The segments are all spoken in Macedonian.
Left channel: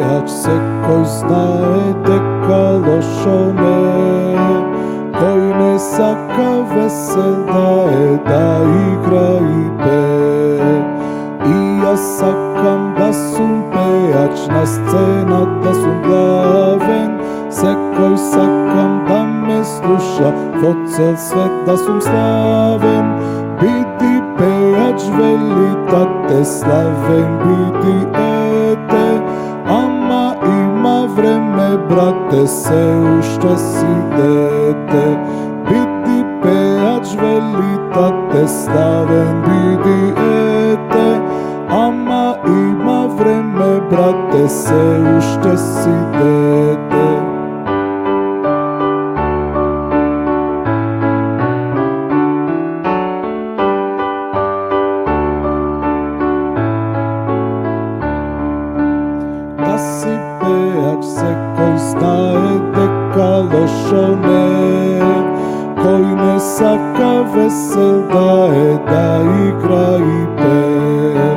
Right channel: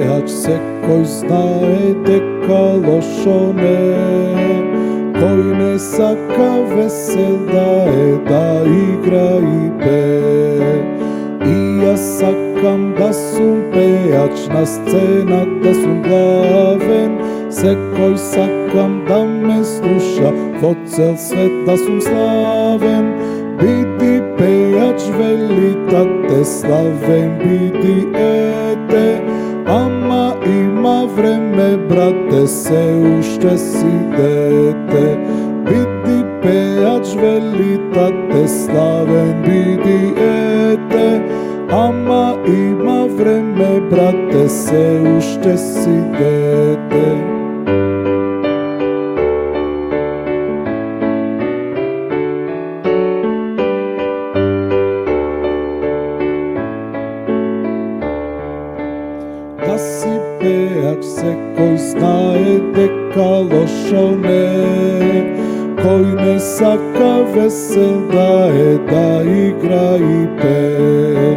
pevač, sekoj znae дека лошо не е. Кој не сака весел да е, да игра и пее. И јас сакам да сум пејач, на сцена да сум главен. Секој сакам да ме слуша, во цел свет да сум славен. Биди пејач, вели тате, славен биди ете. Ама има време, брате, се уште си дете. Биди пејач, вели тате, славен биди ете. Ама има време, брате, се уште си дете. Да си пејач, секој знае дека лошо не е. Кој не сака весел да е, да игра и пее.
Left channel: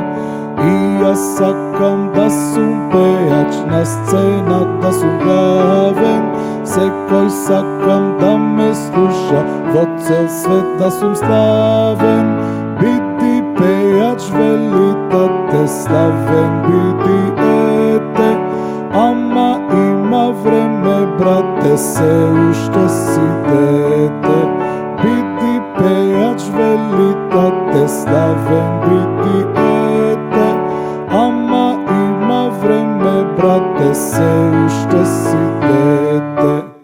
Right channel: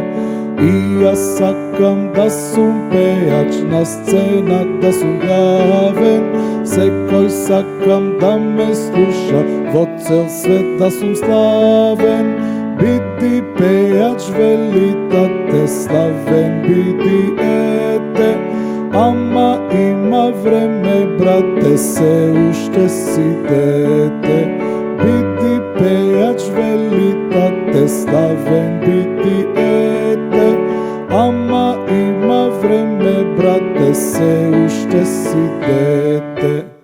И јас сакам да сум пејач, на сцена да сум главен. Секој сакам да ме слуша, во цел свет да сум славен. Биди пејач, вели тате, славен биди ете. Ама има време, брате, се уште си дете. Биди пејач, вели тате, славен биди ете. Ама има време, брате, се уште си дете.